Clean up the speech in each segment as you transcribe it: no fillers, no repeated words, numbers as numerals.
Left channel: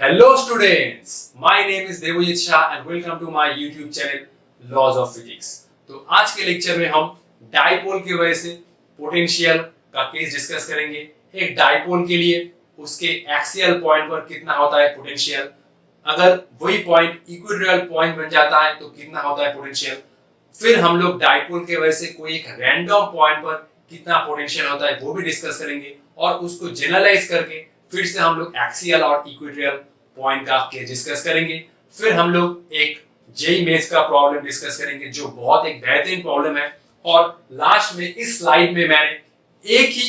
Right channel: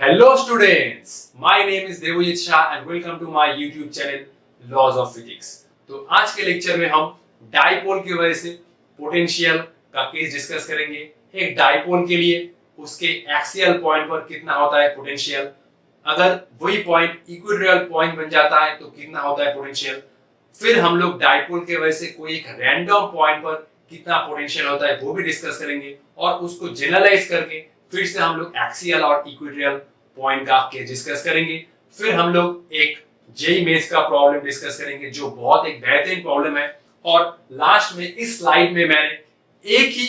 Hello students, my name is Devojit Shah and welcome to my YouTube channel Laws of Physics। तो आज के lecture में हम dipole की वजह से पोटेंशियल का केस डिस्कस करेंगे। एक डाइपोल के लिए उसके एक्सियल पॉइंट पर कितना होता है पोटेंशियल, अगर वही पॉइंट इक्विटोरियल पॉइंट बन जाता है तो कितना होता है पोटेंशियल। फिर हम लोग डाइपोल के वजह से कोई एक रैंडम पॉइंट पर कितना पोटेंशियल होता है वो भी डिस्कस करेंगे और उसको जनरलाइज करके फिर से हम लोग एक्सियल और इक्वेटोरियल पॉइंट का केस डिस्कस करेंगे। फिर हम लोग एक जेई मेंस का प्रॉब्लम डिस्कस करेंगे जो बहुत एक बेहतरीन प्रॉब्लम है। और लास्ट में इस स्लाइड में मैंने एक ही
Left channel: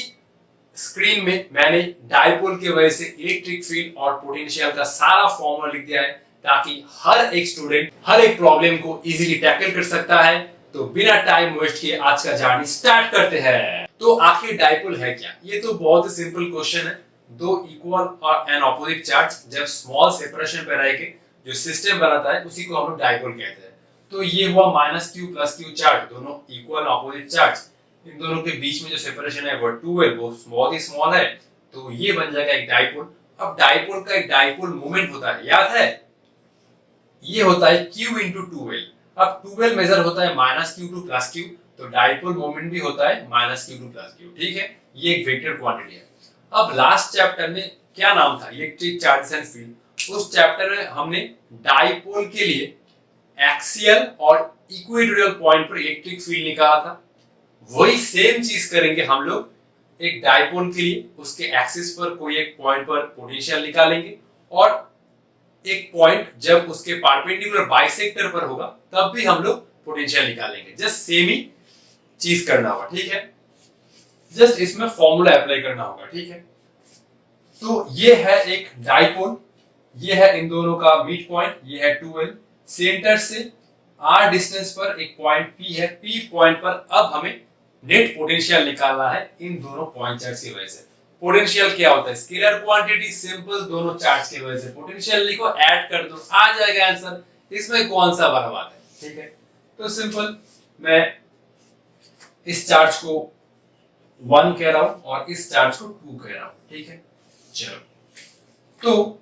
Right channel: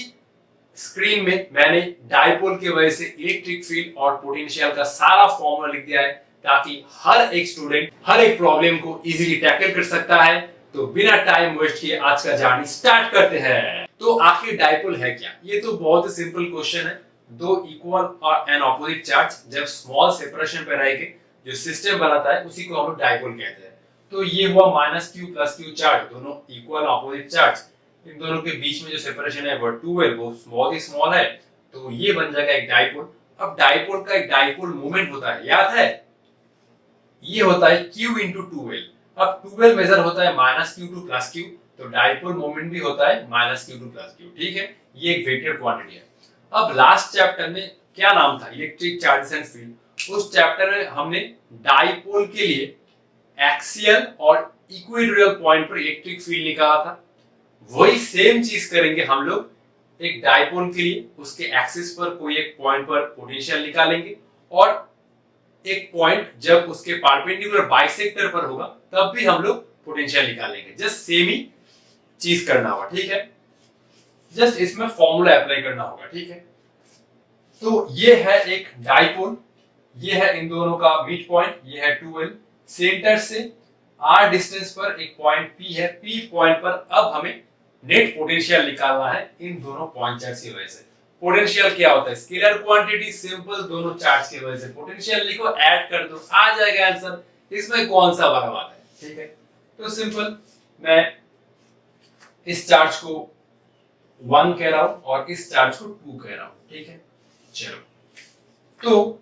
स्क्रीन में मैंने डाइपोल की वजह से इलेक्ट्रिक फील्ड और पोटेंशियल का सारा फॉर्मूला लिख दिया है ताकि हर एक स्टूडेंट हर एक प्रॉब्लम को इजीली टैकल कर सकता है। तो बिना टाइम वेस्ट किए आज का जर्नी स्टार्ट करते हैं। तो आखिर डाइपोल है क्या? ये तो बहुत ही सिंपल क्वेश्चन है। दो इक्वल और एन ऑपोजिट चार्ज जब स्मॉल सेपरेशन पे रह के जो सिस्टम बनाता है उसी को हम लोग डाइपोल कहते हैं। तो ये हुआ -q + q चार्ज, दोनों इक्वल ऑपोजिट चार्ज, इन दोनों के बीच में जो सेपरेशन है वो 2l, वो बहुत ही स्मॉल है, तो ये बन जाएगा एक डाइपोल। अब डाइपोल का एक डाइपोल मोमेंट होता है, याद है, ये होता है q × 2l। अब 2l मेजर होता है -q2 + q, तो डाइपोल मोमेंट भी होता है -q2 + q। ठीक है, ये एक वेक्टर क्वांटिटी है। अब लास्ट चैप्टर में क्या नाम था, इलेक्ट्रिक चार्जेस एंड फील्ड, उस चैप्टर में हमने डाइपोल के लिए एक्सियल और इक्वेटोरियल पॉइंट पर इलेक्ट्रिक फील्ड निकाला था। वही सेम चीज करेंगे हम लोग एक डाइपोल के लिए, उसके एक्सिस पर कोई एक पॉइंट पर पोटेंशियल निकालेंगे और एक पॉइंट जब उसके परपेंडिकुलर बाइसेक्टर पर होगा तब भी हम लोग पोटेंशियल निकालेंगे। जस्ट सेम ही चीज करना होगा, ठीक है, जस्ट इसमें फॉर्मूला अप्लाई करना होगा। ठीक है, तो ये है एक डाइपोल, ये है इन दोनों का मिड पॉइंट, ये है 2l, सेंटर से r डिस्टेंस पर एक पॉइंट p है, p पॉइंट पर अब हमें नेट पोटेंशियल निकालना है इन दोनों पॉइंट चार्ज की वजह से। पोटेंशियल क्या होता है? स्केलर क्वांटिटी, सिंपल, दोनों चार्ज की वजह से पोटेंशियल लिखो, ऐड कर दो, आ जाएगा आंसर। इसमें कौन सा बड़ा बात है? ठीक है, तो सिंपल मैं इस चार्ज को 1 कह रहा हूं और इस चार्ज को 2 कह रहा हूं। ठीक है, चलो, तो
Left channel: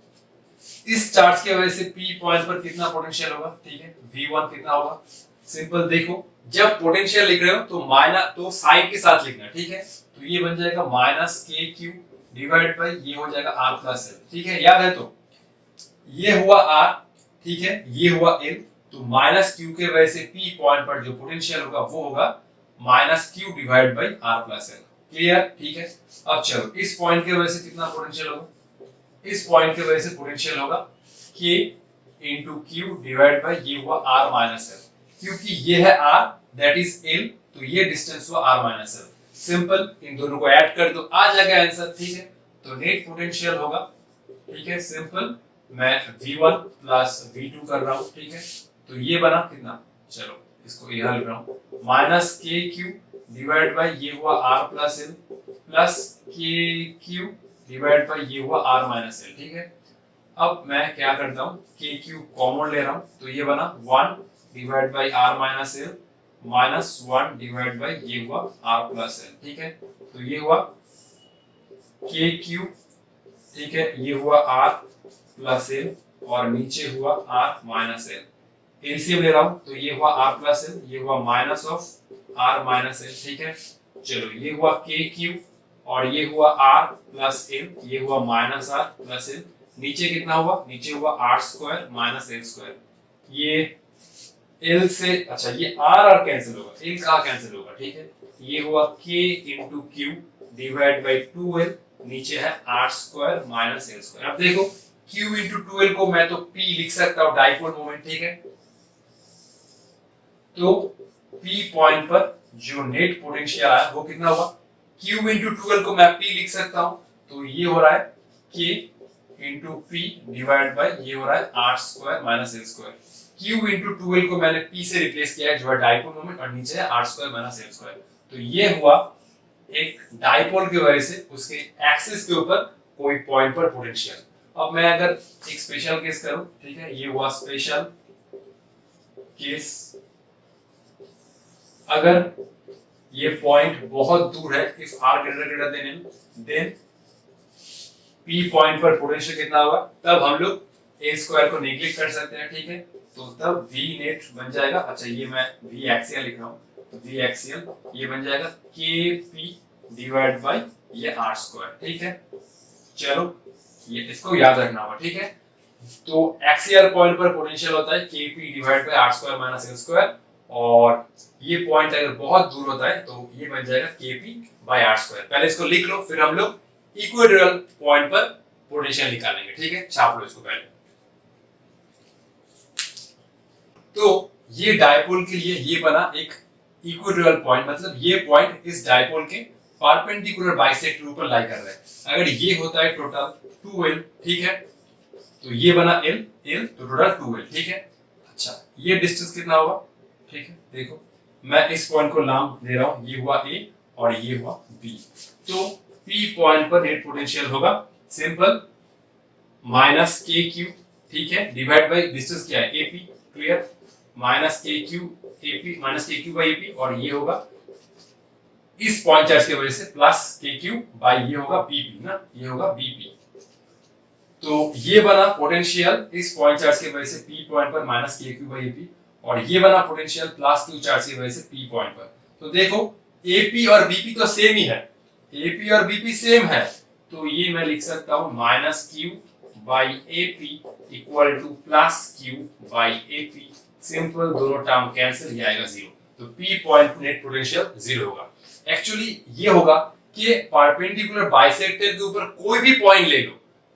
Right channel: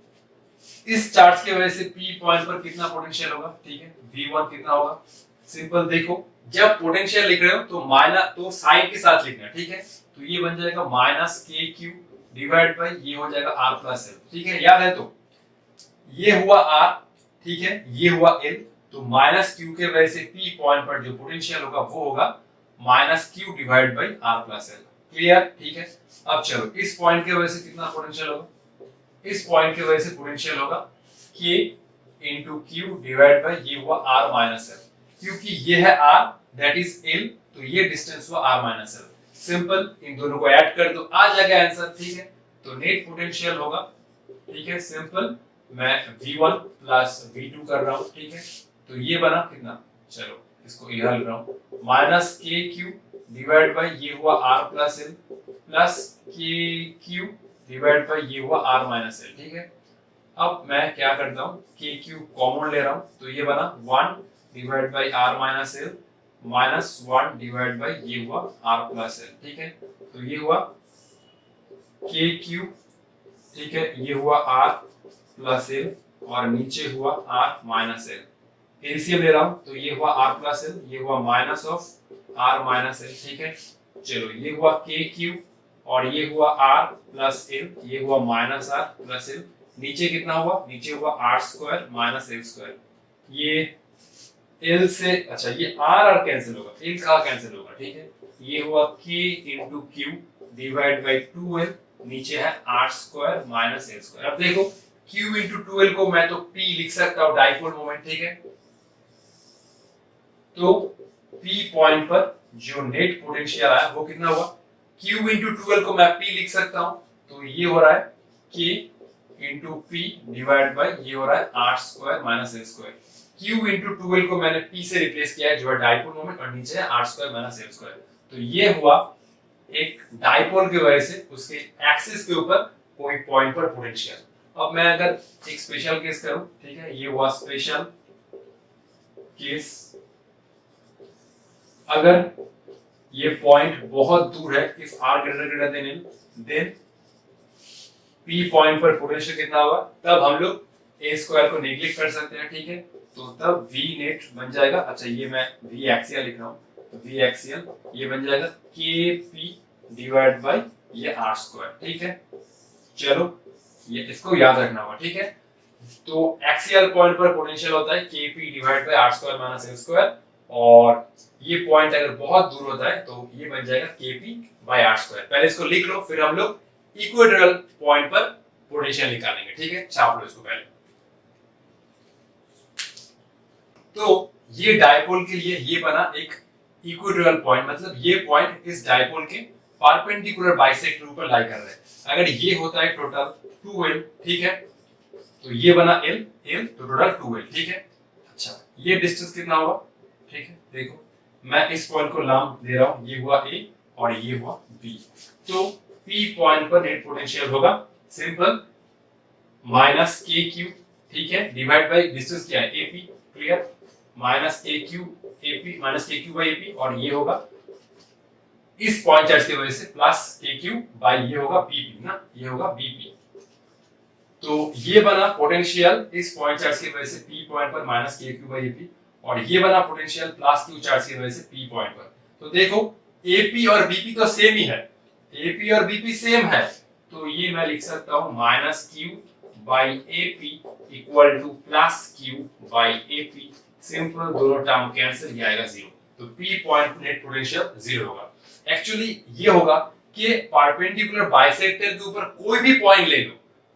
इस चार्ज की वजह से p पॉइंट पर कितना पोटेंशियल होगा? ठीक है, v1 कितना होगा? सिंपल देखो, जब पोटेंशियल लिख रहे हो तो माइनस, तो साइन के साथ लिखना। ठीक है, तो ये बन जाएगा -kq डिवाइड बाय ये हो जाएगा r + l। ठीक है, याद है, तो ये हुआ r, ठीक है, ये हुआ l, तो -q के वजह से p पॉइंट पर जो पोटेंशियल होगा वो होगा -q divide by r + l। Clear? ठीक है, अब चलो, इस पॉइंट की वजह से कितना पोटेंशियल होगा? इस पॉइंट की वजह से पोटेंशियल होगा k × q डिवाइड बाय ये हुआ r - l, क्योंकि ये है r, दैट इज l, तो ये डिस्टेंस हुआ r - l। सिंपल, इन दोनों को ऐड कर दो, आ जाएगा आंसर। ठीक है, तो नेट पोटेंशियल होगा, ठीक है, सिंपल, मैं v1 + v2 कर रहा हूं। ठीक है, तो ये बना कितना, चलो इसको यहां लिख रहा हूं, -kq डिवाइड बाय ये हुआ r + l plus kq divide by ये हुआ r - l। ठीक है, अब मैं क्या करता हूं, kq कॉमन ले रहा हूं, तो ये बना 1 divide by r - l -1 divide by ये हुआ r + l। ठीक है, तो ये हुआ kq, ठीक है, ये हुआ r + l और नीचे हुआ r - l। एलसीएम ले रहा हूं, तो ये हुआ r + l, ये हुआ माइनस ऑफ r - l। ठीक है, चलो, ये हुआ kq और ये हुआ r + l, ये हुआ -r + l, नीचे कितना हुआ, नीचे हुआ r² - l²। ये l से, अच्छा, ये r कैंसिल होगा, l कहां कैंसिल होगा? ठीक है, ये हुआ k × q divide by 2l, नीचे है r² - l²। अब देखो, q × 2l को मैं तो p लिख सकता हूं, डाइपोल मोमेंट। ठीक है, तो p पॉइंट पर जो नेट पोटेंशियल आया वो कितना होगा? q × 2l को मैं p लिख सकता हूं, तो ये हो रहा है k × p डिवाइड बाय ये हो रहा है r² - l²। q × 2l को मैंने p से रिप्लेस किया है जो है डाइपोल मोमेंट, और नीचे है r² - l²। तो ये हुआ एक डाइपोल की वजह से उसके एक्सिस के ऊपर कोई पॉइंट पर पोटेंशियल। अब मैं अगर एक स्पेशल केस करूं, ठीक है, ये हुआ स्पेशल केस, अगर ये पॉइंट बहुत दूर है, if r > n, then P point पर पोटेंशियल कितना होगा, तब हम लोग ए स्क्वायर को नेग्लेक्ट कर सकते हैं, ठीक है। तो तब वी नेट बन जाएगा, अच्छा ये मैं वी एक्सियल लिख रहा हूँ, तो वी एक्सियल ये बन जाएगा के पी डिवाइड बाई ये आर स्क्वायर, ठीक है। चलो ये इसको याद रखना होगा, ठीक है। तो एक्सियल पॉइंट पर पोटेंशियल होता है के P divide by R square minus L square, और ये पॉइंट अगर बहुत दूर होता है तो ये बन जाएगा के पी बाई आर स्क्वायर। पहले इसको लिख लो, फिर हम लोग इक्वेटोरियल पॉइंट पर पोटेंशियल निकालेंगे, ठीक है। छाप लो इसको पहले। तो ये डायपोल के लिए ये बना एक इक्वेटोरियल पॉइंट, मतलब ये पॉइंट इस डायपोल के परपेंडिकुलर बाइसेक्टर के ऊपर लाई कर रहा है। अगर ये होता है टोटल 2l, ठीक है, तो ये बना l तो टोटल 2l, ठीक है। अच्छा ये डिस्टेंस कितना होगा, ठीक है। देखो मैं इस पॉइंट को नाम दे रहा हूं, ये हुआ a और ये हुआ b। तो p पॉइंट पर नेट पोटेंशियल होगा सिंपल माइनस के क्यू, ठीक है, डिवाइड बाय डिस्टेंस क्या है ap, क्लियर, माइनस के क्यू ap माइनस के क्यू बाई एपी, और ये होगा इस पॉइंट चार्ज की वजह से प्लस के क्यू बाई ये होगा बीपी ना, ये होगा बीपी। तो ये बना पोटेंशियल इस पॉइंट चार्ज की वजह से पी पॉइंट पर माइनस के क्यू बाई एपी, और ये बना पोटेंशियल प्लस क्यू चार्ज की वजह से पी पॉइंट पर। तो देखो एपी और बीपी तो सेम ही है, एपी और बीपी सेम है, तो ये मैं लिख सकता हूं minus Q by AP equal two plus Q by AP. Simple, दोनों टर्म कैंसिल, ये आएगा जीरो। तो P point net potential zero होगा। एक्चुअली ये होगा कि परपेंडिकुलर बाइसेक्टर के ऊपर कोई भी पॉइंट ले लो,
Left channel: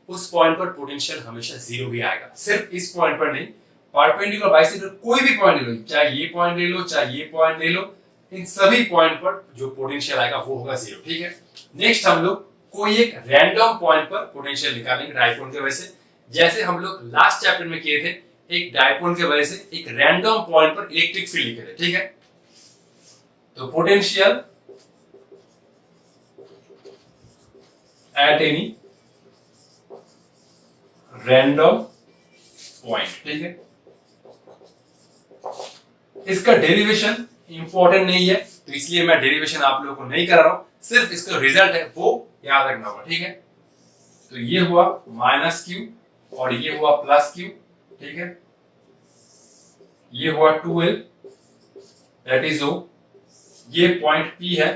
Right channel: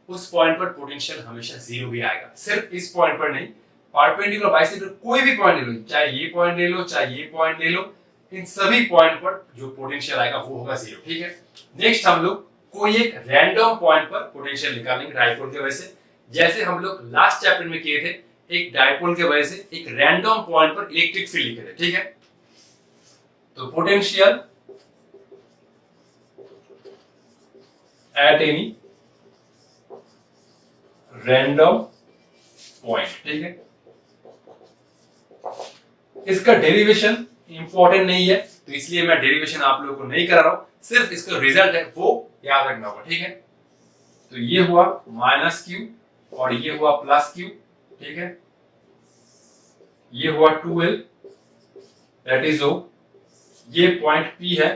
उस पॉइंट पर पोटेंशियल हमेशा जीरो ही आएगा। सिर्फ इस पॉइंट पर नहीं, परपेंडिकुलर बाइसेक्टर कोई भी पॉइंट ले लो, चाहे ये पॉइंट ले लो चाहे ये पॉइंट ले लो, इन सभी पॉइंट पर जो पोटेंशियल आएगा वो होगा जीरो, ठीक है। नेक्स्ट हम लोग कोई एक रैंडम पॉइंट पर पोटेंशियल निकालेंगे डायपोल की वजह से, जैसे हम लोग लास्ट चैप्टर में किए थे। एक डायपोल की वजह से एक रैंडम पॉइंट पर इलेक्ट्रिक फील्ड लिखे थे, ठीक है। तो potential at any random point, ठीक है। इसका डेरिवेशन इंपॉर्टेंट नहीं है, तो इसलिए मैं डेरिवेशन आप लोगों को नहीं करा रहा हूं, सिर्फ इसका रिजल्ट है वो याद रखना होगा, ठीक है। तो ये हुआ माइनस क्यू और ये हुआ प्लस क्यू, ठीक है। ये हुआ 2l दैट इज ओ, ये पॉइंट P है,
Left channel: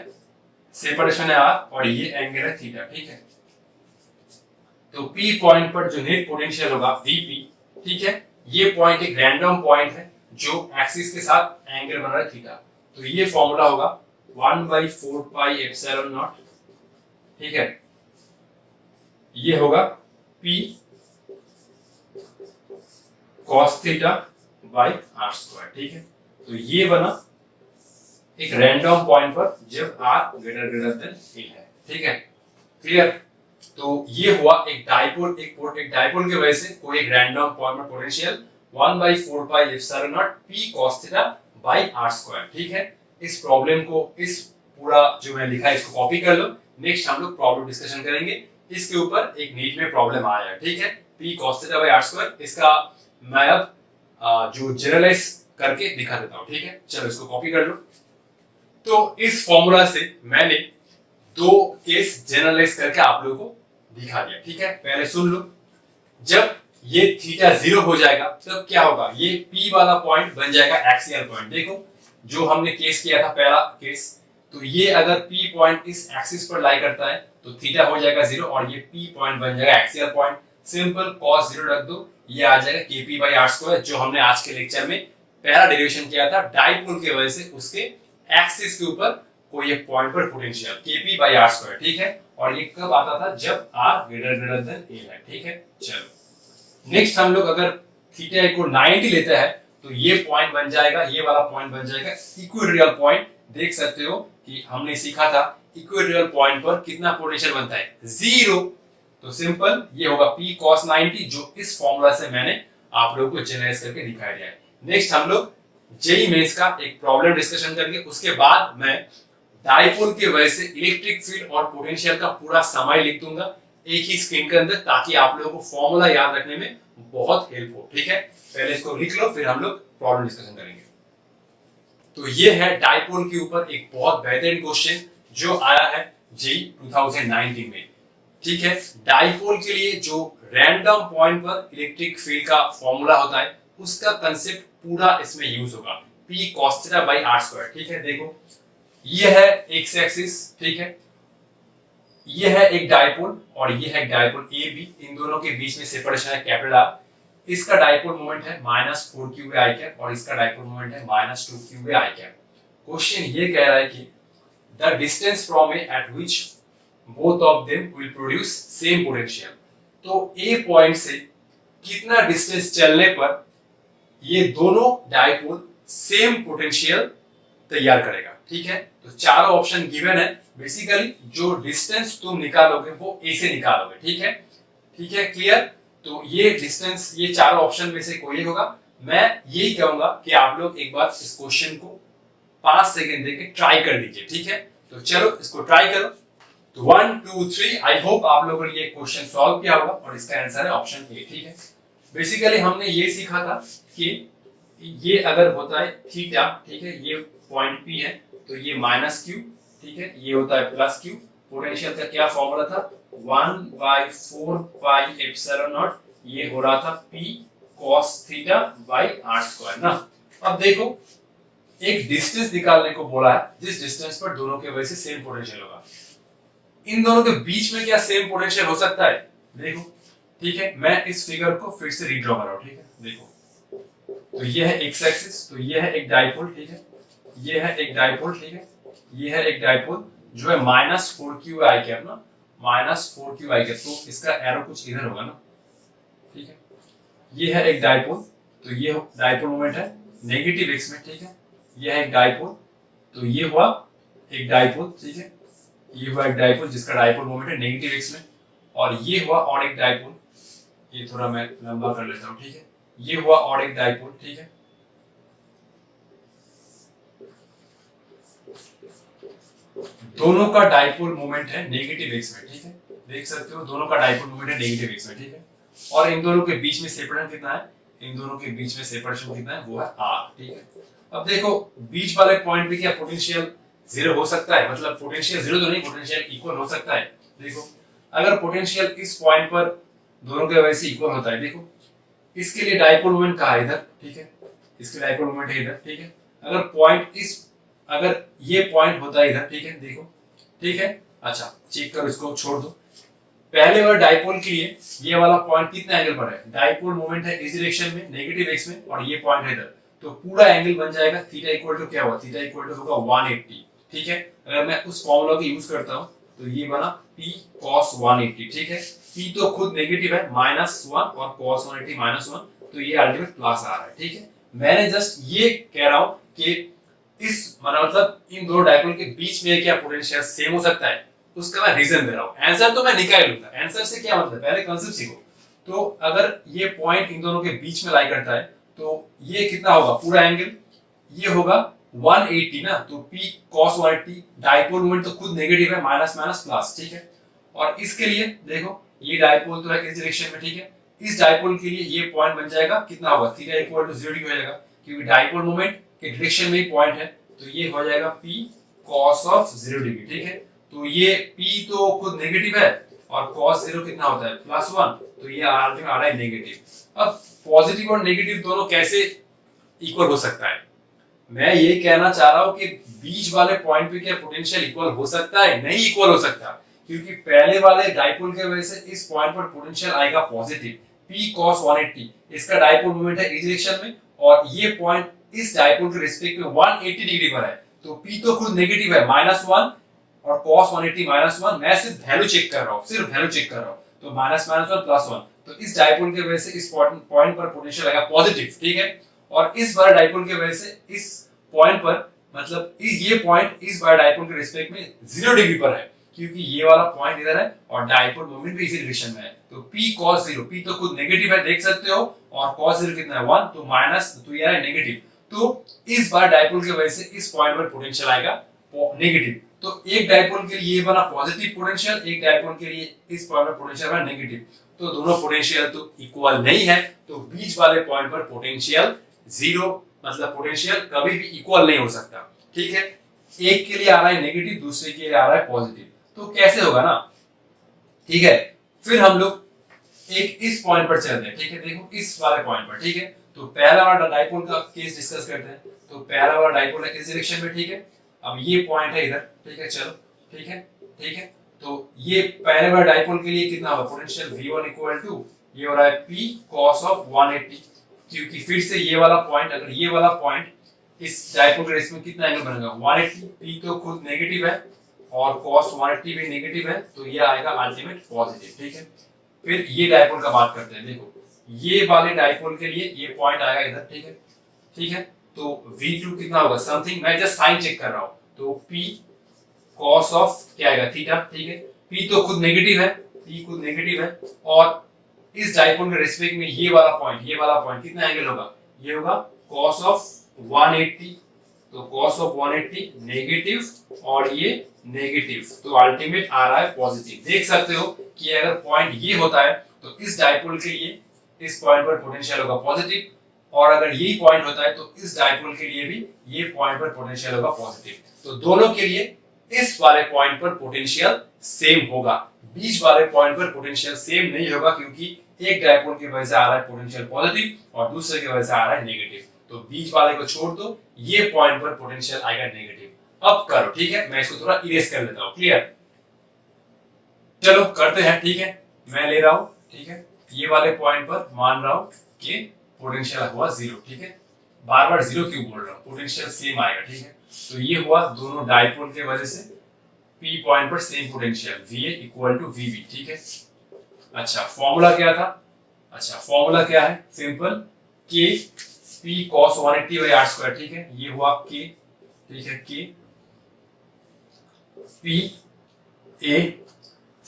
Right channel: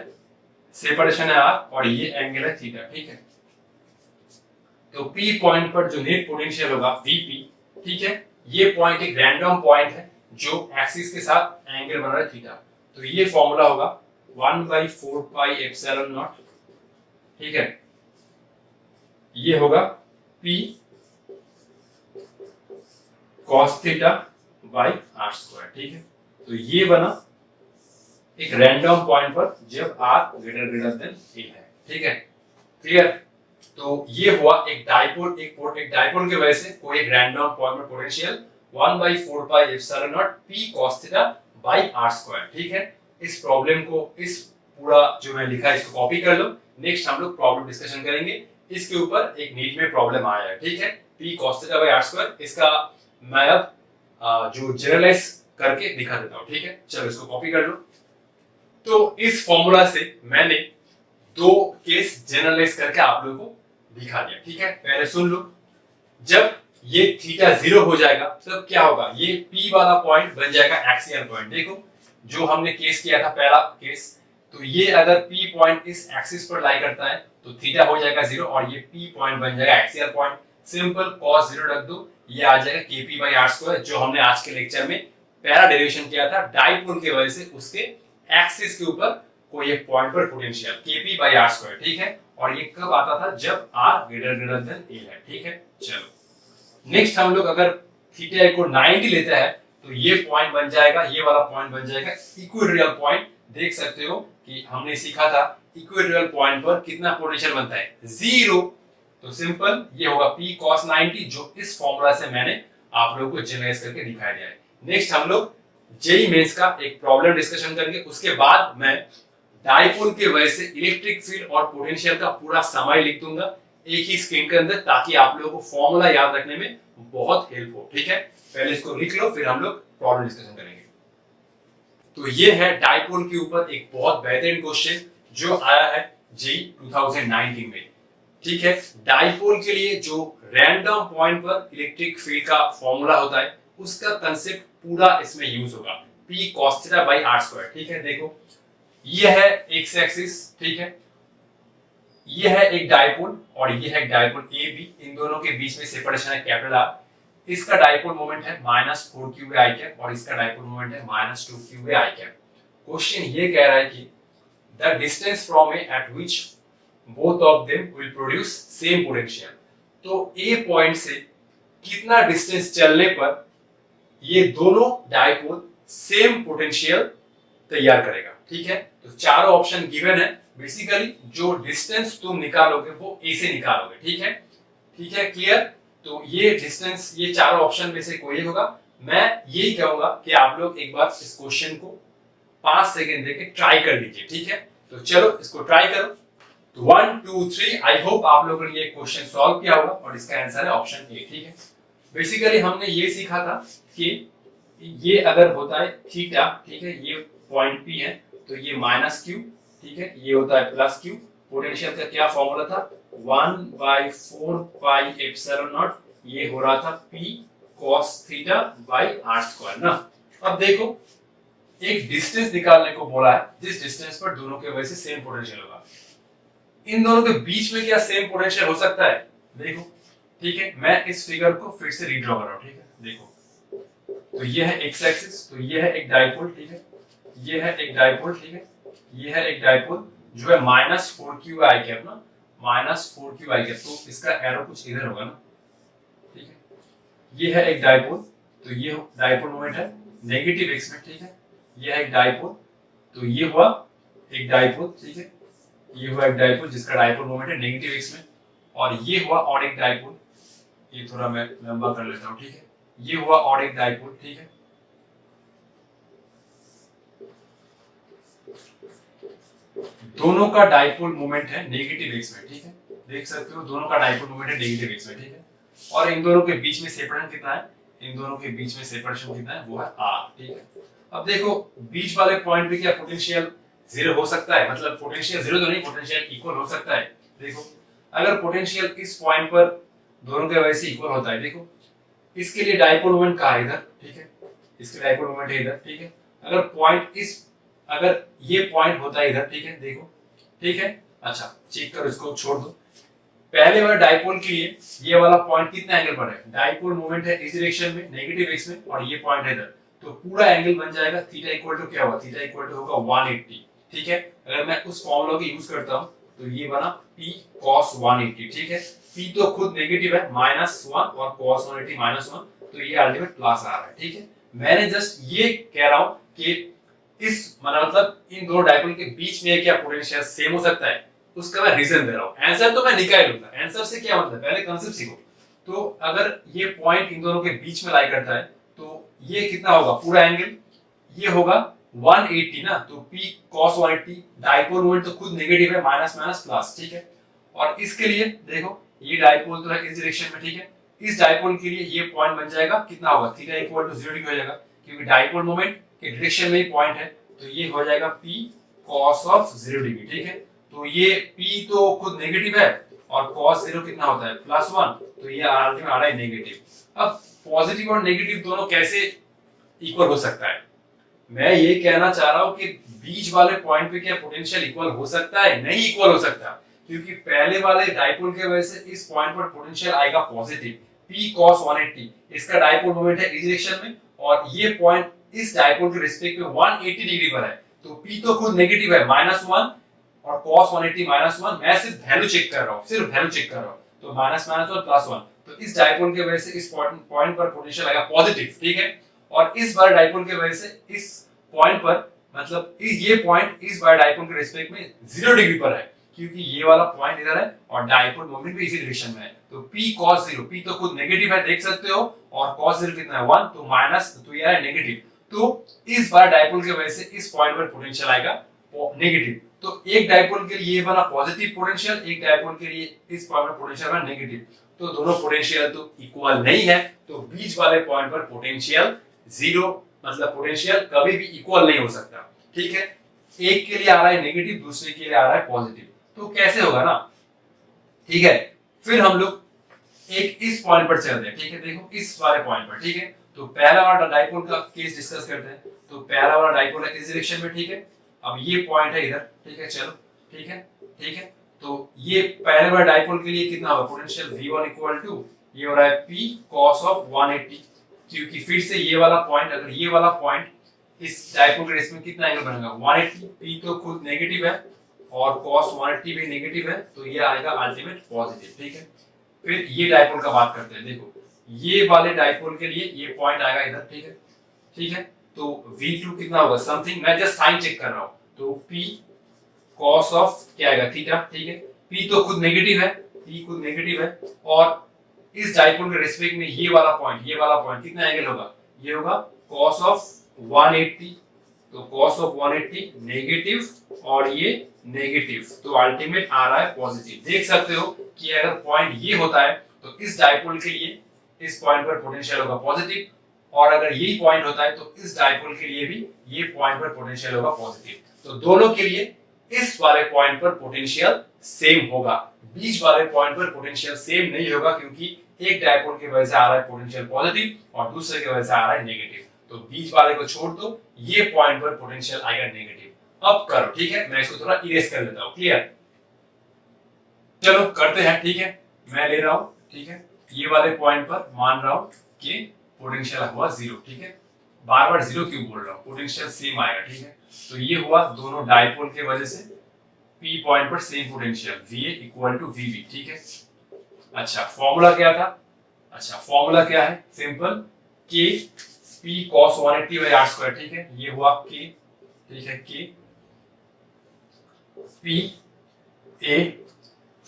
सेपरेशन है r, और ये एंगल है थीटा, ठीक है। तो P पॉइंट पर जो नेट पोटेंशियल होगा Vp, ठीक है, ये पॉइंट एक रैंडम पॉइंट है जो एक्सिस के साथ एंगल बना रहा है थीटा। तो ये फॉर्मूला होगा 1/4 पाई एप्सिलॉन नॉट, ठीक है। ये होगा P cos theta by R square, ठीक है। तो ये बना एक रैंडम पॉइंट पर जब r ग्रेटर देन a है, ठीक है, क्लियर। तो ये हुआ एक डायपोल, एक डायपोल की वजह से कोई एक रैंडम पॉइंट पर potential 1/4 pi epsilon naught P cos theta by R square, ठीक है। इस प्रॉब्लम को, इस पूरा जो मैं लिखा है इसको कॉपी कर लो। नेक्स्ट हम लोग प्रॉब्लम डिस्कशन करेंगे, इसके ऊपर एक नीट में प्रॉब्लम आया है, ठीक है, P cos theta by R square. इसका मैं अब जो जनरलाइज करके दिखा देता हूं, ठीक है। चलो इसको कॉपी कर लो। तो इस फॉर्मूला से मैंने दो केस जनरलाइज करके आप लोगों को दिखा दिया, ठीक है। पहले सुन लो, जब ये थीटा जीरो हो जाएगा तब क्या होगा, ये P वाला पॉइंट बन जाएगा एक्सियल पॉइंट। देखो जो हमने केस किया था पहला केस, तो ये अगर P पॉइंट इस एक्सिस पर लाई करता है तो थीटा हो जाएगा जीरो, और ये P पॉइंट बन जाएगा axial point. Simple, cos zero रख दो, ये आ जाएगा kp बाई आर स्क्वायर, जो हमने आज के लेक्चर में पहला डेरिवेशन किया था डायपोल की वजह से उसके एक्सिस के ऊपर कोई एक पॉइंट पर potential kp by R square, ठीक है। और ये कब आता था, जब r ग्रेटर देन a है, ठीक है। चलो नेक्स्ट हम लोग अगर थीटा को 90 लेते हैं तो ये पॉइंट बन जाएगा, ये वाला पॉइंट बन जाएगा इक्वेटोरियल पॉइंट। देख सकते हो कि हमने सीखा था इक्वेटोरियल पॉइंट पर कितना पोटेंशियल बनता है, जीरो। तो सिंपल ये होगा P cos 90, जो इस फॉर्मूला से मैंने आप लोगों को जनरलाइज करके दिखा दिया है। नेक्स्ट हम लोग जेई मेंस का एक प्रॉब्लम डिस्कशन करेंगे, उसके बाद मैं डायपोल की वजह से इलेक्ट्रिक फील्ड और पोटेंशियल का पूरा समय लिख दूंगा एक ही स्क्रीन के अंदर, ताकि आप लोगों को फॉर्मूला याद रखने में बहुत हेल्प हो, ठीक है। पहले इसको लिख लो, फिर हम लोग प्रॉब्लम डिस्कशन करेंगे। तो ये है डायपोल के ऊपर एक बहुत बेहतरीन क्वेश्चन जो आया है जेई 2019 में। ठीक है। डाइपोल के लिए जो रैंडम पॉइंट पर इलेक्ट्रिक फील्ड का फॉर्मूला होता है उसका कंसेप्ट पूरा इसमें यूज होगा, P cos theta by R square. ठीक है, देखो ये है एक्स एक्सिस, ठीक है, ये है एक डाइपोल और ये है एक डाइपोल ए बी, इन दोनों के बीच में सेपरेशन है कैपिटल आर। इसका डाइपोल मोमेंट है -4 आई कैप और इसका डाइपोल मोमेंट है -2 आई कैप। क्वेश्चन ये कह रहा है कि the distance from A eight which both of them will produce same potential. तो ए पॉइंट से कितना डिस्टेंस चलने पर ये दोनों डाइपोल सेम पोटेंशियल तैयार करेगा। ठीक है, तो चारों ऑप्शन गिवन है। बेसिकली जो डिस्टेंस तुम निकालोगे वो ए से निकालोगे। ठीक है, ठीक है, क्लियर। तो ये डिस्टेंस, ये चारों ऑप्शन में से कोई होगा। मैं यही कहूंगा कि आप लोग एक बार इस क्वेश्चन को 5 सेकंड देके ट्राई कर लीजिए। ठीक है, तो चलो इसको ट्राई करो। तो 1 2 3, आई होप आप लोगों ने ये क्वेश्चन सॉल्व किया होगा और इसका आंसर है ऑप्शन ए। ठीक है, बेसिकली हमने ये सीखा था कि ये अगर होता है थीटा, ठीक है, ये पॉइंट पी है तो ये -q, ठीक है, ये होता है +q। पोटेंशियल का क्या फॉर्मूला था, 1/4 पाई एप्सिलॉन नॉट, ये हो रहा था p cos theta by R square ना। अब देखो एक डिस्टेंस निकालने को बोला है जिस डिस्टेंस पर दोनों के वजह से सेम पोटेंशियल होगा। इन दोनों के बीच में क्या सेम पोटेंशियल हो सकता है, देखो। ठीक है, मैं इस फिगर को फिर से रीड्रॉ कर रहा हूं। ठीक है, देखो तो ये है एक्स एक्सिस, तो ये है एक डाइपोल, ठीक है, ये है एक डाइपोल, ठीक है, ये है एक डाइपोल जो है -4q आई कैप ना, -4q आई कैप। तो इसका एरो कुछ इधर होगा ना, ठीक है। ये है एक डाइपोल, तो ये डाइपोल मोमेंट है नेगेटिव एक्स में, ठीक है। ये है एक डाइपोल, तो ये हुआ एक डाइपोल, ठीक है, ये हुआ एक डाइपोल जिसका डाइपोल मोमेंट है नेगेटिव एक्स में, और ये हुआ और एक डाइपोल, ये थोड़ा मैं लंबा कर लेता हूं, ठीक है, ये हुआ और एक डाइपोल, ठीक है। दोनों का डाइपोल मोमेंट है नेगेटिव एक्स में, ठीक है, देख सकते हो दोनों का डाइपोल मोमेंट है नेगेटिव एक्स में, ठीक है। और इन दोनों के बीच में सेपरेशन कितना है, इन दोनों के बीच में सेपरेशन कितना है, वो है r, ठीक है। अब देखो बीच वाले पॉइंट पे क्या पोटेंशियल जीरो हो सकता है, मतलब पोटेंशियल जीरो तो नहीं, पोटेंशियल इक्वल हो सकता है। देखो अगर पोटेंशियल इस पॉइंट पर दोनों के वजह से इक्वल होता है, देखो इसके लिए डाइपोल मोमेंट कहाँ है, इधर, ठीक है, इसके डाइपोल मोमेंट है इधर, ठीक है। अगर पॉइंट इस, अगर ये पॉइंट होता है इधर, ठीक है, देखो, ठीक है, अच्छा चेक करो, इसको छोड़ दो। पहले वाला डाइपोल के लिए ये वाला पॉइंट कितना एंगल पर है, डाइपोल मोमेंट है इस डायरेक्शन में नेगेटिव एक्स में, और ये पॉइंट है इधर, तो पूरा एंगल बन जाएगा थीटा इक्वल टू क्या होगा, थीटा इक्वल टू होगा 180, ठीक है। अगर मैं उस फॉर्मूला को यूज करता हूं तो ये बना p cos 180, ठीक है। p तो खुद नेगेटिव है -1 और cos 180 -1, तो ये अल्टीमेट प्लस आ रहा है, ठीक है। मैंने जस्ट ये कह रहा हूं कि इस मतलब इन दो डाइपोल के बीच में क्या पोटेंशियल सेम हो सकता है, उसका मैं रीजन दे रहा हूं। आंसर तो मैं निकाल लूंगा, आंसर से क्या मतलब, पहले कांसेप्ट सीखो। तो अगर ये पॉइंट इन दोनों के बीच में लाई करता है तो ये कितना होगा, पूरा एंगल ये होगा 180 ना, तो p cos 180, डाइपोल मोमेंट तो खुद नेगेटिव है, माइनस माइनस प्लस, ठीक है। और इसके लिए देखो ये डाइपोल तो है इस डायरेक्शन में, ठीक है, इस डाइपोल के लिए ये पॉइंट बन जाएगा कितना होगा, थीटा इक्वल टू 0 हो जाएगा, क्योंकि डाइपोल मोमेंट के डायरेक्शन में ही पॉइंट है, तो ये हो जाएगा p cos ऑफ 0 डिग्री, ठीक है। तो ये p तो खुद नेगेटिव है और cos 0 कितना होता है +1, तो ये अल्टीमेट आ रहा है नेगेटिव। अब पॉजिटिव और नेगेटिव दोनों कैसे इक्वल हो सकता है, मैं ये कहना चाह रहा हूं कि बीच वाले पॉइंट पे क्या पोटेंशियल इक्वल हो सकता है, नहीं इक्वल हो सकता, क्योंकि पहले वाले डाइपोल के वजह से इस पॉइंट पर पोटेंशियल आएगा पॉजिटिव p cos 180, इसका डाइपोल मोमेंट है इस डायरेक्शन में, और ये पॉइंट इस डाइपोल के रिस्पेक्ट में 180 डिग्री पर है, तो p तो खुद नेगेटिव है -1 और cos 180 -1, मैं सिर्फ वैल्यू चेक कर रहा हूं, सिर्फ वैल्यू चेक कर रहा हूं, तो -1 +1, तो इस डाइपोल की वजह से इस पॉइंट पर पोटेंशियल आएगा पॉजिटिव, ठीक है। और इस बार डाइपोल की वजह से इस पॉइंट पर, मतलब ये पॉइंट इस बार डाइपोल के रिस्पेक्ट में 0 डिग्री पर है, क्योंकि ये वाला पॉइंट इधर है और डाइपोल मोमेंट भी इसी डायरेक्शन में है, तो p cos 0, p तो खुद नेगेटिव है देख सकते हो, और cos 0 कितना है 1, तो माइनस, तो ये है नेगेटिव, तो इस बार डाइपोल की वजह से इस पॉइंट पर पोटेंशियल आएगा नेगेटिव। तो एक डाइपोल के लिए ये बना पॉजिटिव पोटेंशियल, एक डाइपोल के लिए इस पॉइंट पर पोटेंशियल बना नेगेटिव, तो दोनों पोटेंशियल तो इक्वल नहीं है, तो बीच वाले पॉइंट पर पोटेंशियल 0, मतलब पोटेंशियल कभी भी इक्वल नहीं हो सकता, ठीक है। एक के लिए आ रहा है नेगेटिव, दूसरे के लिए आ रहा है पॉजिटिव, तो कैसे होगा ना, ठीक है। फिर हम लोग एक इस पॉइंट पर चलते हैं, ठीक है, देखो इस वाले पॉइंट पर, ठीक है। तो पहला वाला डाइपोल का केस डिस्कस करते हैं। तो पहला वाला डाइपोल है इस डायरेक्शन में, ठीक है। अब ये पॉइंट है इधर, ठीक है, चलो, ठीक है, ठीक है। तो ये पहले वाला डाइपोल के लिए कितना होगा पोटेंशियल V1 इक्वल टू ये हो रहा है P cos ऑफ 180, क्योंकि फिर से ये वाला पॉइंट, अगर ये वाला पॉइंट इस डाइपोल के रेस में कितना एंगल बनेगा 180, P तो खुद नेगेटिव है और cos 180 भी नेगेटिव है, तो ये आएगा अल्टीमेट पॉजिटिव, ठीक है। फिर ये डाइपोल का बात करते हैं, देखो ये वाले डाइपोल के लिए ये पॉइंट आएगा इधर, ठीक है, ठीक है। तो V2 कितना होगा समथिंग, मैं जस्ट साइन चेक कर रहा हूं, तो P cos ऑफ क्या आएगा थीटा, ठीक है। P तो खुद नेगेटिव है, P खुद नेगेटिव है, और इस डाइपोल के रेस्पेक्ट में ये वाला पॉइंट कितना एंगल होगा, ये होगा cos ऑफ 180, तो cos ऑफ 180 नेगेटिव और ये नेगेटिव, तो अल्टीमेट आ रहा है पॉजिटिव। देख सकते हो कि अगर पॉइंट ये होता है तो इस डाइपोल के लिए इस पॉइंट पर पोटेंशियल होगा पॉजिटिव, और अगर यही पॉइंट होता है तो इस डाइपोल के लिए भी ये पॉइंट पर पोटेंशियल होगा पॉजिटिव। तो दोनों के लिए इस वाले पॉइंट पर पोटेंशियल सेम होगा, बीच वाले पॉइंट पर पोटेंशियल सेम नहीं होगा, क्योंकि एक डाइपोल की वजह से आ रहा है पोटेंशियल पॉजिटिव और दूसरे की वजह से आ रहा है नेगेटिव। तो बीच वाले को छोड़ दो, ये पॉइंट पर पोटेंशियल आएगा नेगेटिव। अब करो, ठीक है, मैं इसको थोड़ा इरेज कर लेता हूं, क्लियर, चलो करते हैं, ठीक है। मैं ले रहा हूं, ठीक है, ये वाले पॉइंट पर मान रहा हूं कि पोटेंशियल हुआ 0, ठीक है। बार बार 0 क्यों बोल रहा हूं, पोटेंशियल सेम आएगा, ठीक है। तो ये हुआ दोनों डाइपोल के वजह से P पॉइंट पर same potential VA equal to VB, ठीक है। अच्छा फॉर्मूला क्या था, अच्छा फॉर्मूला क्या है, simple K P cos 180 by r square, ठीक है। ये हुआ K, ठीक है, K P A,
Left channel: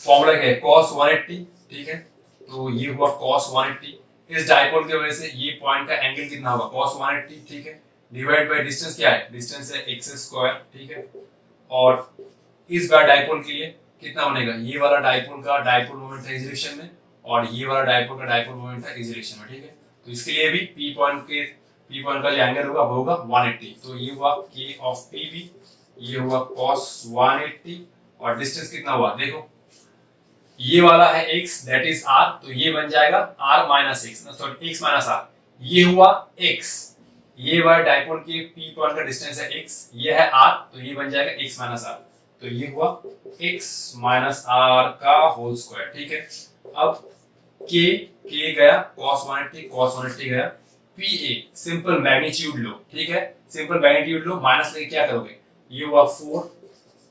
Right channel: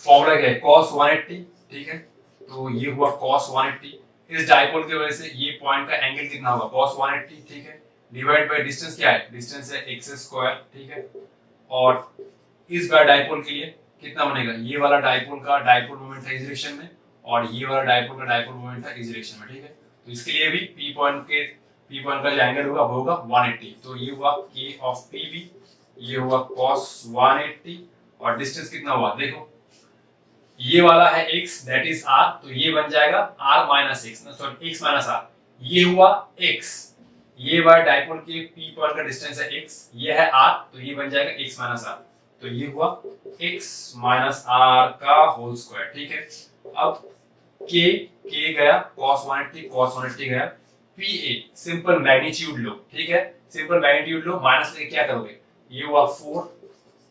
फॉर्मूला क्या है cos 180, ठीक है। तो ये हुआ cos 180, इस डाइपोल की वजह से ये पॉइंट का एंगल कितना होगा cos 180, ठीक है, डिवाइड बाय डिस्टेंस क्या है, डिस्टेंस है x स्क्वायर, ठीक है। और इस बार डाइपोल के लिए कितना बनेगा, ये वाला डाइपोल का डाइपोल मोमेंट था इस डायरेक्शन में, और ये वाला डाइपोल का डाइपोल मोमेंट था इस डायरेक्शन में, ठीक है। तो इसके लिए भी P पॉइंट का जो एंगल होगा वो होगा 180, तो ये हुआ K ऑफ PB, ये हुआ cos 180, और डिस्टेंस कितना हुआ देखो, ये वाला है x दैट इज r, तो ये बन जाएगा r minus x, sorry x minus r, ये हुआ x, ये वाला डाइपोल के P पॉइंट का डिस्टेंस है x, ये है r, तो ये बन जाएगा x माइनस r, तो ये हुआ x माइनस r का होल स्क्वायर, ठीक है। अब k गया cos 180 गया, PA सिंपल मैग्नीट्यूड लो, ठीक है, सिंपल मैग्नीट्यूड लो, माइनस लेके क्या करोगे, ये हुआ 4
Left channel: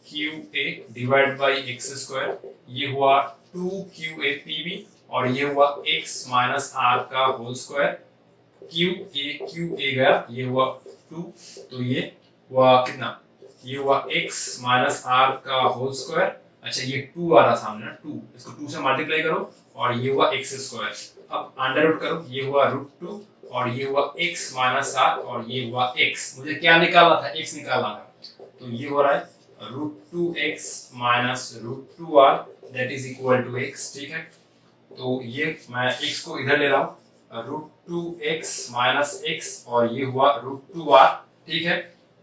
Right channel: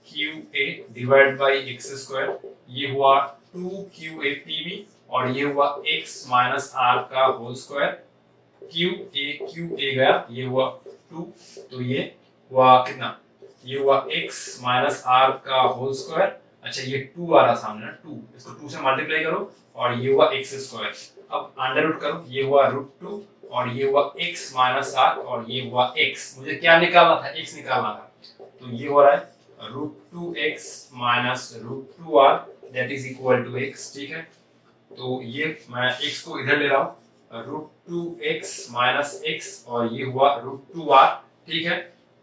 QA divide by x square, ये हुआ 2QA PB, और ये हुआ x माइनस r का होल स्क्वायर, QA गया, ये हुआ 2, तो ये हुआ कितना, ये हुआ x माइनस r का होल स्क्वायर, अच्छा ये 2 आ रहा सामने ना, 2 इसको 2 से मल्टीप्लाई करो, और ये हुआ x स्क्वायर, अब अंडर रूट करो, ये हुआ √2, और ये हुआ x माइनस r, और ये हुआ x, मुझे क्या निकालना था, x निकालना था, तो ये हो रहा है √2x minus √2r that is equal to x, ठीक है। तो ये मैं x को इधर ले रहा हूं, √2x माइनस x, और ये हुआ √2r, ठीक है।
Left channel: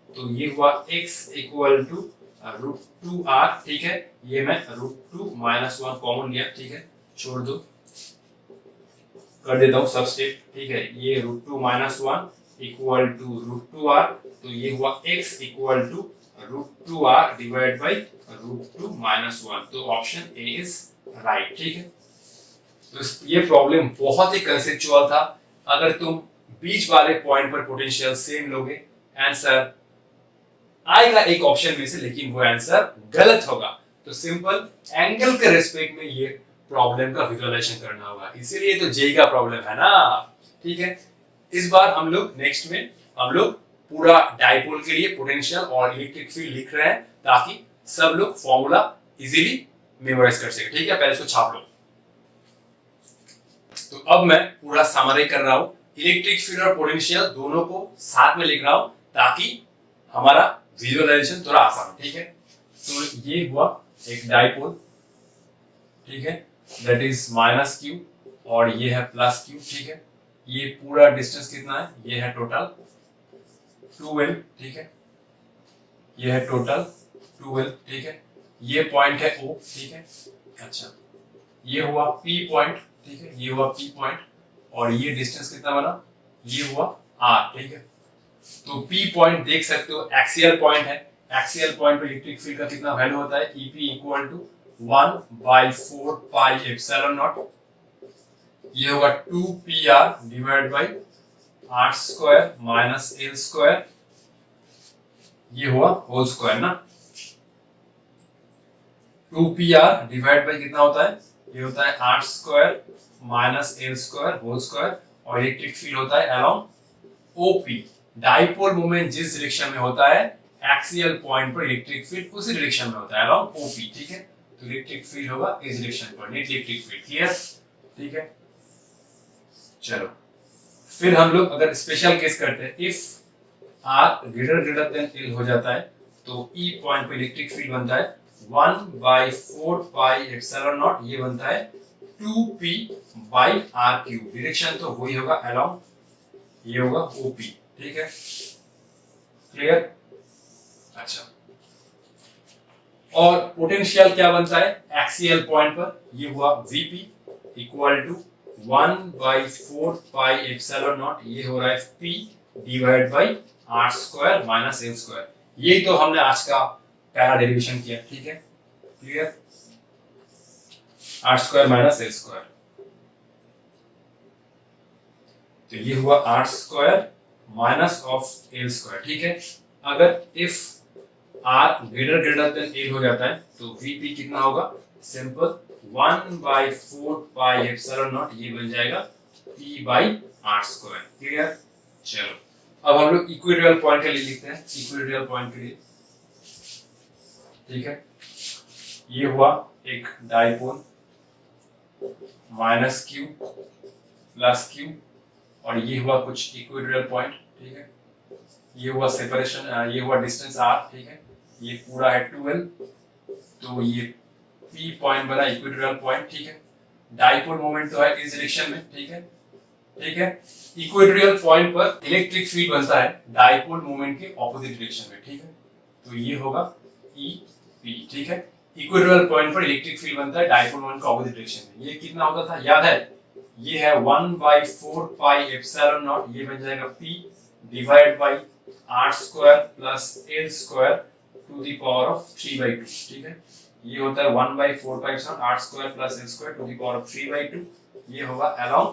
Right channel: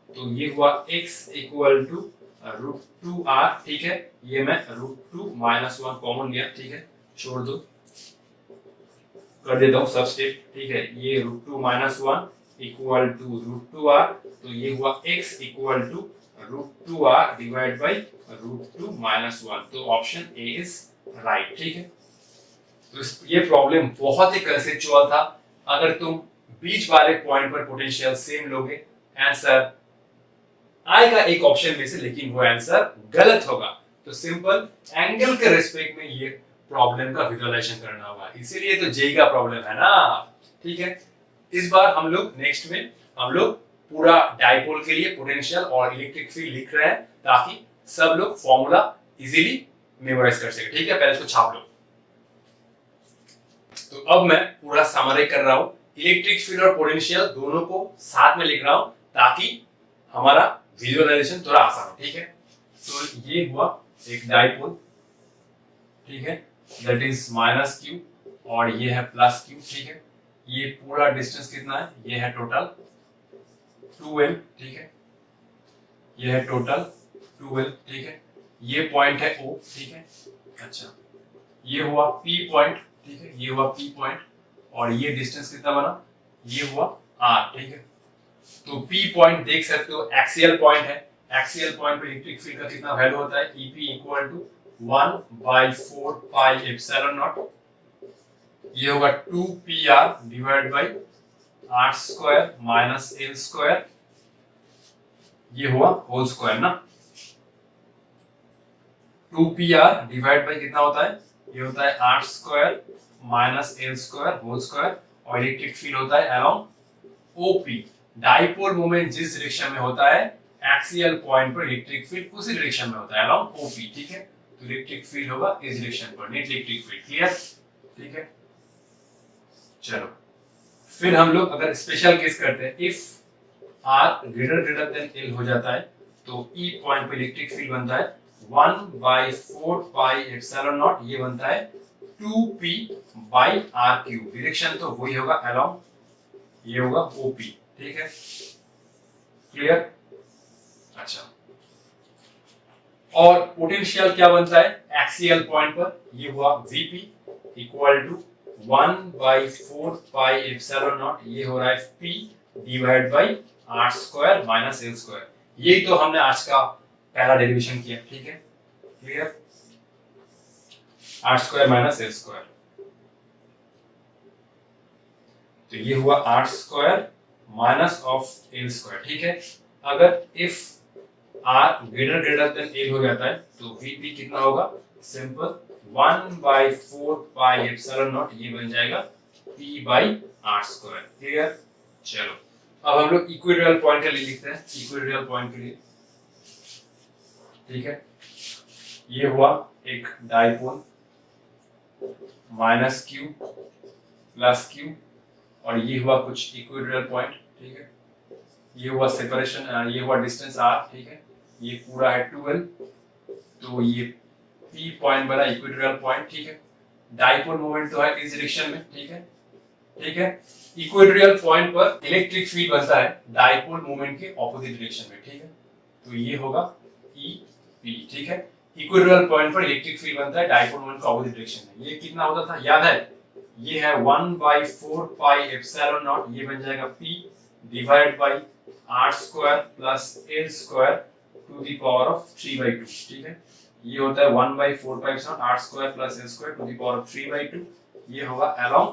तो ये हुआ x इक्वल टू √2r, ठीक है, ये मैं √2 माइनस 1 कॉमन लिया, ठीक है, छोड़ दो, कर देता हूं सबस्टिट, ठीक है, ये √2 माइनस 1 इक्वल टू √2r, तो ये हुआ x equal to √2r divide by √2 minus 1, तो ऑप्शन ए इज राइट, ठीक है। तो ये प्रॉब्लम बहुत ही कंसेप्चुअल था, अगर तुम बीच वाले पॉइंट पर पोटेंशियल सेम लोगे, आंसर आएगा एक ऑप्शन में से, लेकिन वो आंसर गलत होगा। तो सिंपल एंगल के रिस्पेक्ट में ये प्रॉब्लम का विजुअलाइजेशन करना होगा, इसीलिए तो जेई का प्रॉब्लम है ना, ठीक है। इस बार हम लोग नेक्स्ट में हम लोग पूरा डाइपोल के लिए पोटेंशियल और इलेक्ट्रिक फील्ड लिख रहे हैं, ताकि सब लोग फॉर्मूला इजीली मेमोराइज कर सके, ठीक है। पहले इसको छाप लो। तो अब मैं पूरा समरी कर रहा हूं, इलेक्ट्रिक फील्ड और पोटेंशियल दोनों को साथ में लिख रहा हूं, ताकि हमारा विजुअलाइजेशन थोड़ा आसान हो, ठीक है। तो ये हुआ एक डाइपोल, ठीक है, दैट इज माइनस q, और ये है प्लस q, ठीक है। ये पूरा डिस्टेंस कितना है, ये है टोटल 2l, ठीक है, ये है टोटल 2l, ठीक है। ये पॉइंट है O, ठीक है। अच्छा ये हुआ P पॉइंट, ठीक है, ये हुआ P पॉइंट, और ये डिस्टेंस कितना बना, ये हुआ R, ठीक है। तो P पॉइंट देख सकते हो एक्सियल पॉइंट है, एक्सियल पॉइंट पे इलेक्ट्रिक फील्ड का कितना वैल्यू होता है, EP equal to 1/4 pi epsilon naught, ये होगा 2PR divide by R square minus L square, ये हुआ होल स्क्वायर ना। 2PR डिवाइड बाई कितना होता है, ये होता है R square minus L square whole square, और इलेक्ट्रिक फील्ड होता है अलोंग OP। डाइपोल मोमेंट जिस डायरेक्शन में होता है, एक्सियल पॉइंट पर इलेक्ट्रिक फील्ड उसी डायरेक्शन में होता है अलोंग OP, ठीक है। तो इलेक्ट्रिक फील्ड होगा इस डायरेक्शन पर, नेट इलेक्ट्रिक फील्ड, क्लियर, ठीक है। चलो फिर हम लोग अगर स्पेशल केस करते हैं, if R greater than L हो जाता है तो E पॉइंट पे इलेक्ट्रिक फील्ड बनता है 1/4 पाई एप्सिलॉन नॉट, ये बनता है 2P by R cube, direction तो वही होगा अलोंग, ये होगा OP, ठीक है, क्लियर। अच्छा, और पोटेंशियल क्या बनता है एक्सियल पॉइंट पर, ये हुआ VP equal to 1/4 pi epsilon naught, ये हो रहा है P divide by R square minus L square, यही तो हमने आज का पहला डेरिवेशन किया, ठीक है, clear. R square minus L square, तो ये हुआ R square minus of L square, ठीक है। अगर if R greater than L हो जाता है तो VP कितना होगा, सिंपल 1/4 पाई एप्सिलॉन नॉट, ये बन जाएगा P by R square, clear. चलो अब हम लोग इक्वेटोरियल पॉइंट के लिए लिखते हैं, इक्वेटोरियल पॉइंट के लिए, ठीक है। ये हुआ एक dipole minus Q plus Q, और ये हुआ कुछ इक्वेटोरियल पॉइंट, ठीक है। ये हुआ सेपरेशन, ये हुआ डिस्टेंस R, ठीक है। ये पूरा है 2L, तो ये P पॉइंट बना इक्वेटोरियल पॉइंट, ठीक है। डाइपोल मोमेंट तो है इस डायरेक्शन में, ठीक है, ठीक है। इक्वेटोरियल पॉइंट पर इलेक्ट्रिक फील्ड बनता है डाइपोल मोमेंट के ऑपोजिट डायरेक्शन में, ठीक है। तो ये होगा EP, ठीक है। इक्वेटोरियल पॉइंट पर इलेक्ट्रिक फील्ड बनता है डाइपोल मोमेंट के ऑपोजिट डायरेक्शन में, ये कितना होता था याद है, ये है 1/4 पाई एप्सिलॉन नॉट, ये बन जाएगा P divide by R square plus L square to the power of 3/2, ठीक है। ये होता है 1/4 pi epsilon R square plus L square to the power of 3/2, ये होगा अलोंग,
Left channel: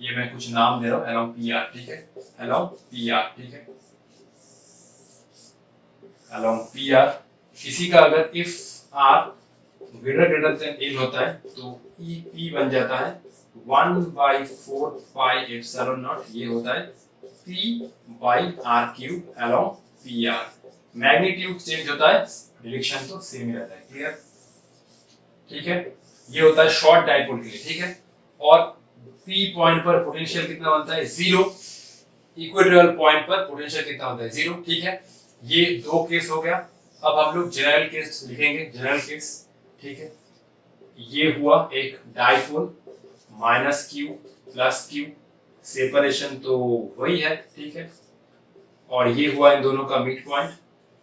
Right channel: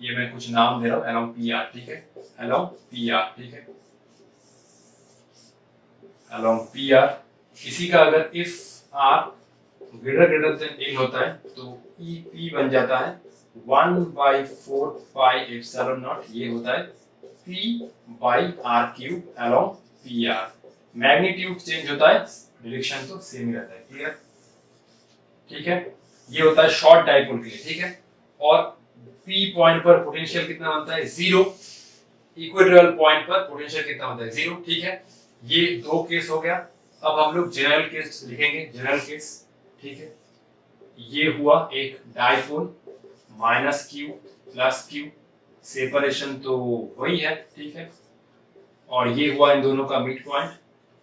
ये मैं कुछ नाम दे रहा हूं, अलोंग PR, ठीक है, अलोंग PR, ठीक है, अलोंग PR। इसी का अगर if R greater than L होता है तो EP बन जाता है 1/4 पाई एप्सिलॉन नॉट, ये होता है P by R cube along PR। Magnitude change होता है, डायरेक्शन तो सेम ही रहता है, क्लियर, ठीक है। ये होता है शॉर्ट डाइपोल के लिए, ठीक है। और P पॉइंट पर पोटेंशियल कितना बनता है, 0। इक्वेटोरियल पॉइंट पर पोटेंशियल कितना बनता है, 0, ठीक है। ये दो केस हो गया। अब हम लोग जनरल केस लिखेंगे, जनरल केस, ठीक है। ये हुआ एक dipole minus Q plus Q, separation तो वही है, ठीक है। और ये हुआ इन दोनों का मिड पॉइंट,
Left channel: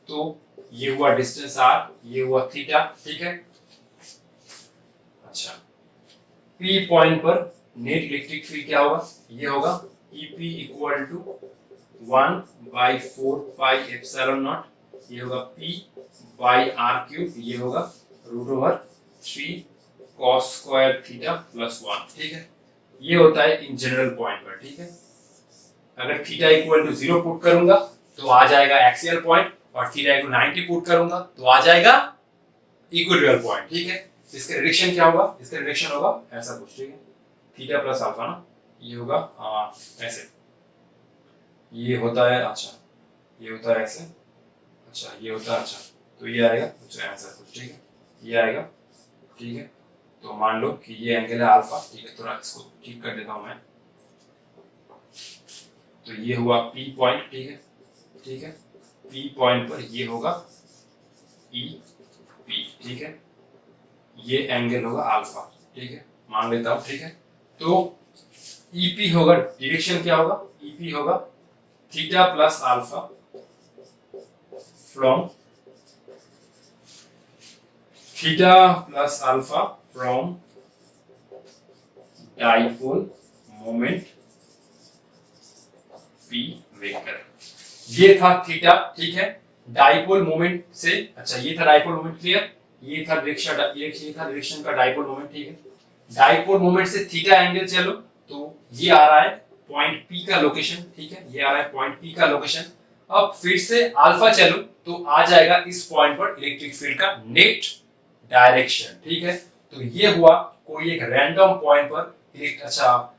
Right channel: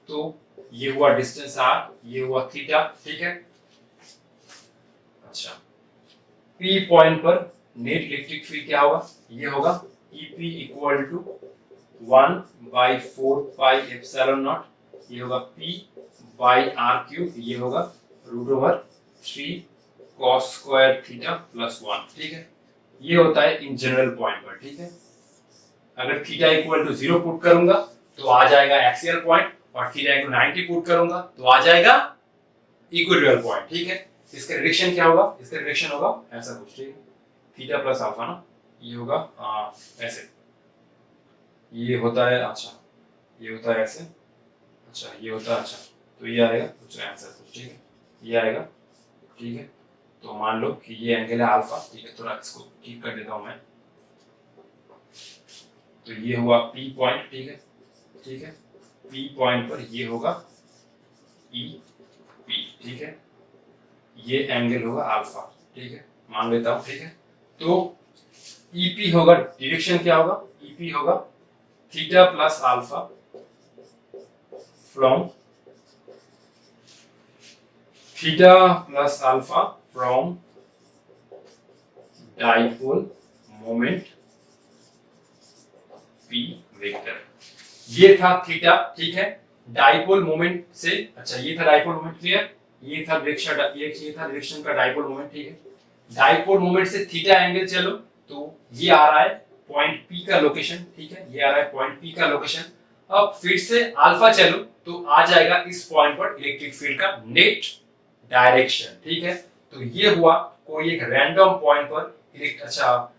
तो ये हुआ डिस्टेंस R, ये हुआ थीटा, ठीक है। अच्छा, P पॉइंट पर नेट इलेक्ट्रिक फील्ड क्या होगा, ये होगा EP equal to 1/4 pi epsilon naught, ये होगा P बाई R क्यूब, ये होगा √3 cos स्क्वायर थीटा प्लस 1, ठीक है। ये होता है इन जनरल पॉइंट पर, ठीक है। अगर थीटा इक्वल टू 0 पुट करूंगा तो आ जाएगा एक्सियल पॉइंट, और थीटा इक्वल 90 पुट करूंगा तो आ जाएगा इक्वेटोरियल पॉइंट, ठीक है। इसका डायरेक्शन क्या होगा, इसका डायरेक्शन होगा ऐसा कुछ, ठीक है, थीटा प्लस अल्फा ना, ये होगा ऐसे, ये होता है, अच्छा ये होता है ऐसे, अच्छा ये होता है, अच्छा तो ये आएगा कुछ ऐसा कुछ, ठीक है, ये आएगा, ठीक है। तो मान लो कि ये एंगल है अल्फा, ठीक है, थोड़ा इसको ठीक कर देता हूं मैं। तो ये हुआ P पॉइंट, ठीक है, ठीक है। P पॉइंट पर ये होगा EP, ठीक है। ये एंगल होगा अल्फा, ठीक है, मान लेता हूं, ठीक है। तो EP होगा, डायरेक्शन क्या होगा, EP होगा theta plus alpha from theta plus alpha from dipole moment P vector. ये था थीटा, ठीक है, डाइपोल मोमेंट से। अच्छा, ये था डाइपोल मोमेंट, क्लियर। ये था डायरेक्शन का डाइपोल मोमेंट, ठीक है। डाइपोल मोमेंट से थीटा एंगल चलो तो ये आ रहा है पॉइंट पी का लोकेशन, ठीक है, ये आ रहा है पॉइंट पी का लोकेशन। अब फिर से अल्फा चलो तो आ जाएगा इस पॉइंट पर इलेक्ट्रिक फील्ड का नेट डायरेक्शन, ठीक है। तो ये हुआ कोई एक रैंडम पॉइंट पर अच्छा,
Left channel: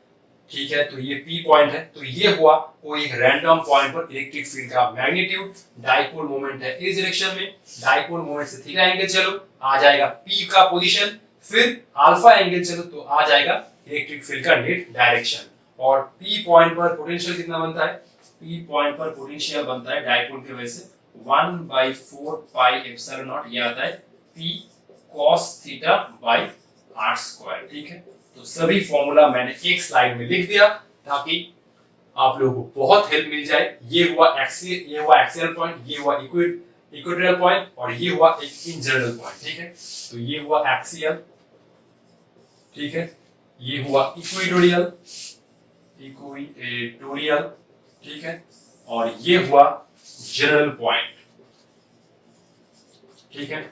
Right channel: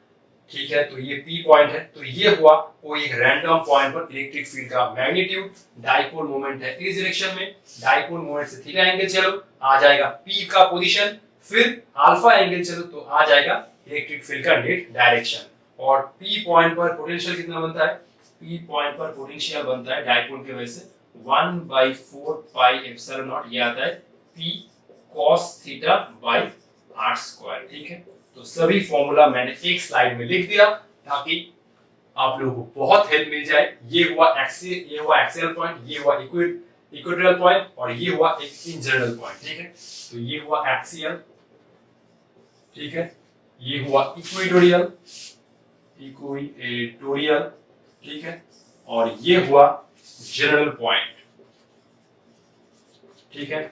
ठीक है, तो ये P पॉइंट है, तो ये हुआ कोई एक रैंडम पॉइंट पर इलेक्ट्रिक फील्ड का मैग्नीट्यूड। डाइपोल मोमेंट है इस डायरेक्शन में, डाइपोल मोमेंट से थीटा एंगल चलो आ जाएगा P का पोजीशन, फिर अल्फा एंगल चलो तो आ जाएगा इलेक्ट्रिक फील्ड का नेट डायरेक्शन। और P पॉइंट पर पोटेंशियल कितना बनता है? P पॉइंट पर पोटेंशियल बनता है डाइपोल की वजह से 1/4 पाई एप्सिलॉन नॉट, ये आता है P cos theta by r square, ठीक है। तो सभी फॉर्मूला मैंने एक स्लाइड में लिख दिया ताकि आप लोगों को बहुत हेल्प मिल जाए। ये हुआ एक्सियल पॉइंट, ये हुआ इक्वेटोरियल पॉइंट, और ये हुआ एक इन जनरल पॉइंट, ठीक है। तो ये हुआ एक्सियल, ठीक है, ये हुआ इक्वेटोरियल, ठीक है, और ये हुआ जनरल पॉइंट, ठीक है,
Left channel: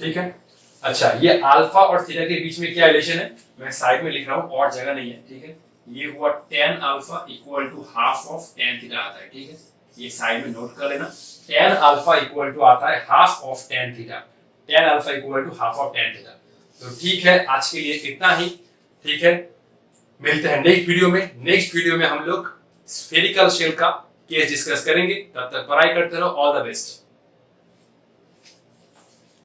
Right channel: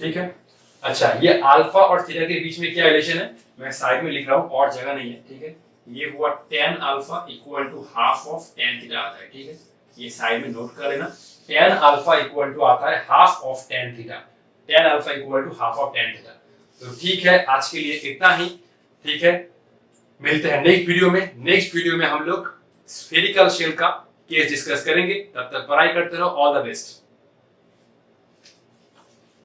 ठीक है। अच्छा, ये अल्फा और थीटा के बीच में क्या रिलेशन है मैं साइड में लिख रहा हूं, और जगह नहीं है, ठीक है। ये हुआ tan alpha equal to half of tan theta आता है, ठीक है, ये साइड में नोट कर लेना। tan अल्फा इक्वल टू आता है half of tan theta, tan alpha equal to half of tan theta. तो ठीक है, आज के लिए इतना ही, ठीक है। मिलते हैं नेक्स्ट वीडियो में। नेक्स्ट वीडियो में हम लोग स्फेरिकल शेल का केस डिस्कस करेंगे। तब तक पढ़ाई करते रहो। All the best.